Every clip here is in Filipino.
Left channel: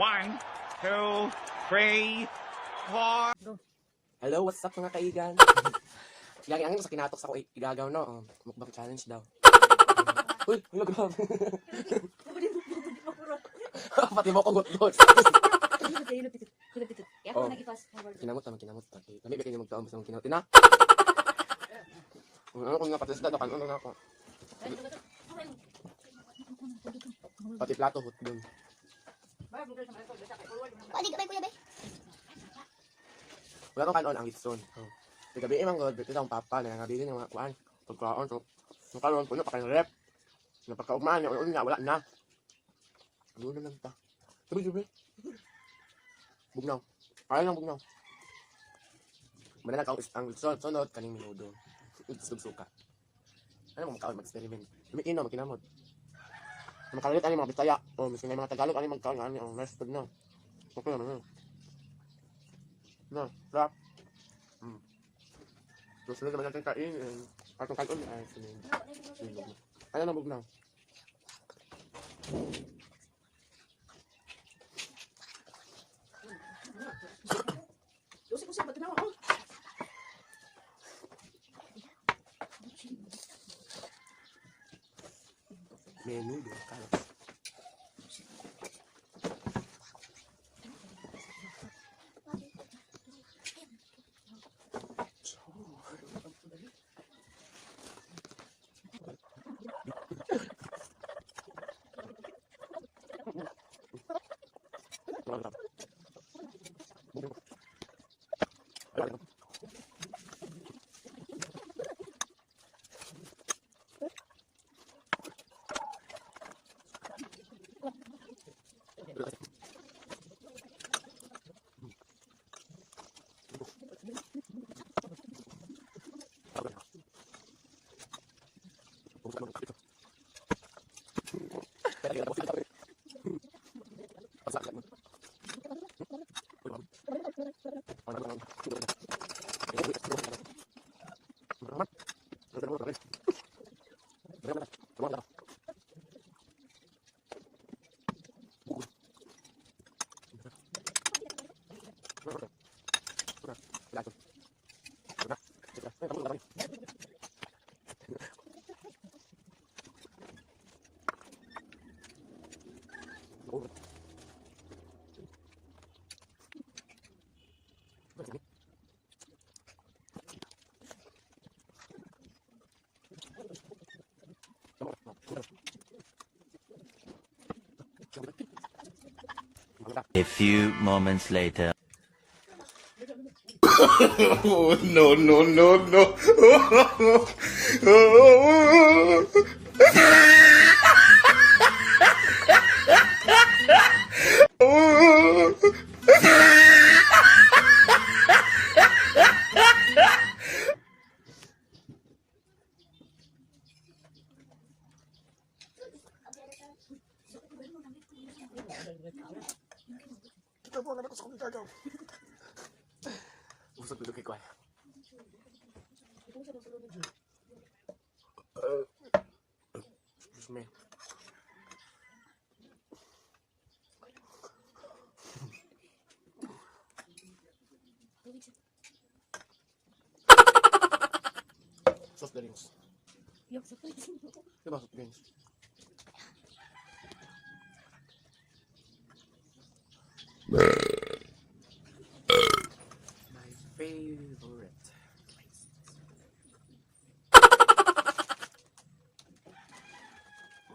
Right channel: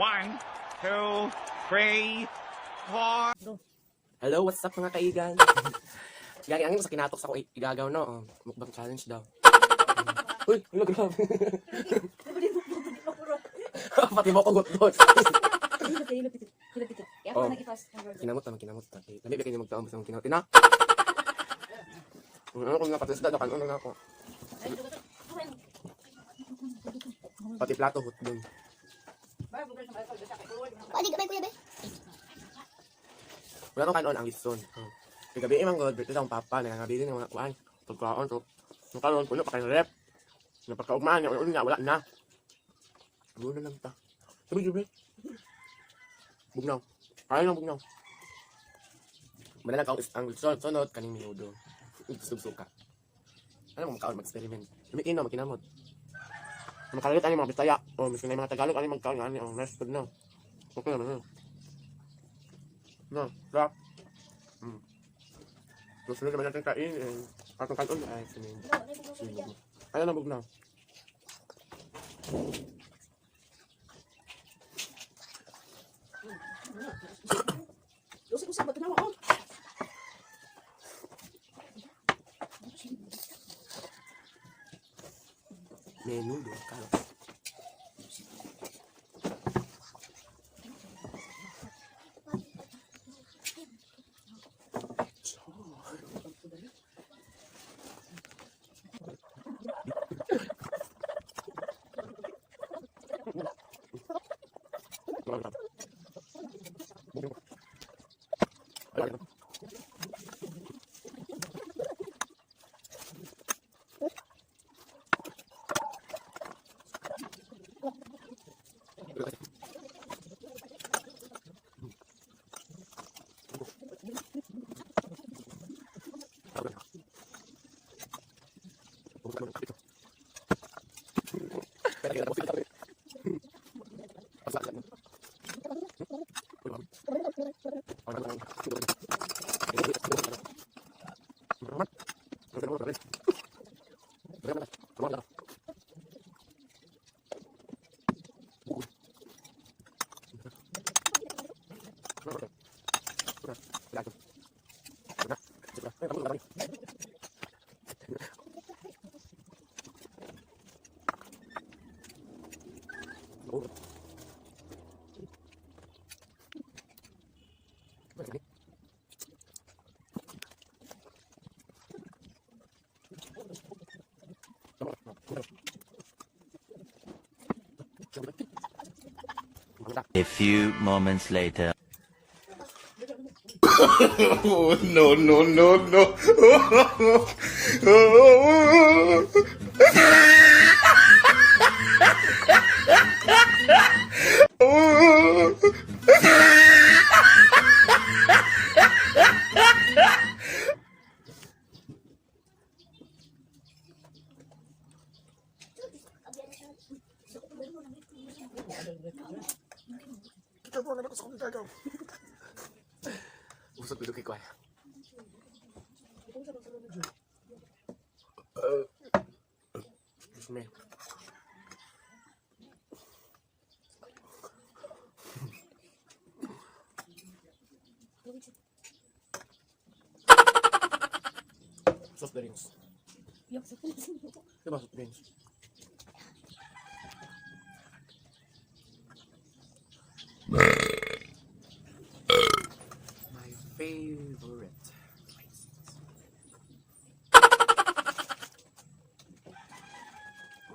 1, 2, 3, 4. Hello, what's up mga kaigan? Gagi ang sa kinatok sa ko igagaw no. Mukbang challenge daw. Uy, hello grabe. Pati mo ko gutot. Kinamot naman, kinamot. Dami ba kayo magtaon sa kinamot na? Ano ko nga patisda na kanon na ako. Pati plato hot dun. Pwede ka ba kuya be? Wala kang kanon ang litson. Gabi imang god, bito sa papa na nabili ng mga kuan. Pagkaon so, nakaroon puno pa kay rep. Napakaugmaan niya, ulo nga wala na. Ulo lang ta. Sabi. Bugnaw. Kaya lang bugnaw. Manalag ang litson, sunod kaning minudo. Suka. Ano mo makaon mag-experiment? Lumikin na, makinamod. Makalit ani mga bitaya. O, miskin na yung mga Tagalog, ani magkaon, ani ang nice food na. Okay naman yun. No, rap. Tapos sunod naman natin kain. Atong kanon ay sinubo. Kaya lang bugnaw. Usik-usik ba tanaw oh? Menudo ka. A few moments later. Oh, no, no, no, no. Usap dulu kay kuya. Bismillah. Soft drinks. Diba soft drinks?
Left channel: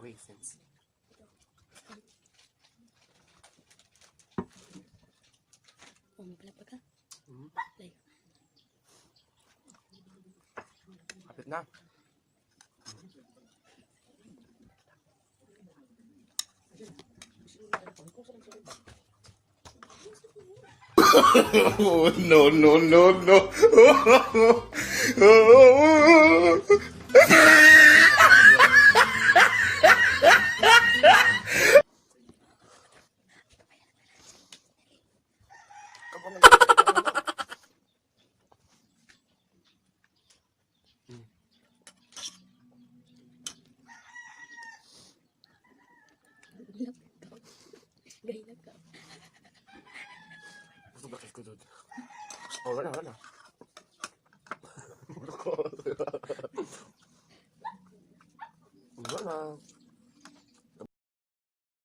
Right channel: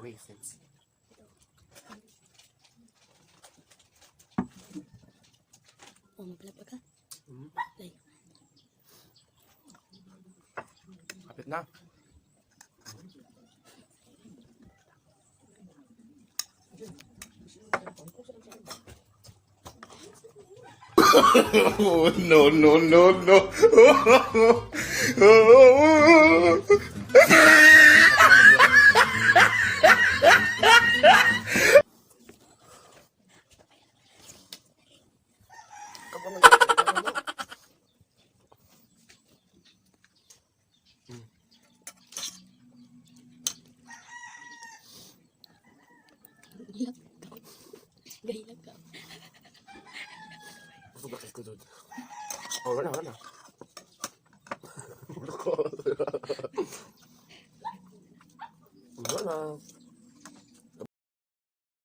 Raisins. Oh, maglalap ka? Like. Kapit na. Oh, no, no, no, no. Gay lang ka. Oh, wala na. Wala na.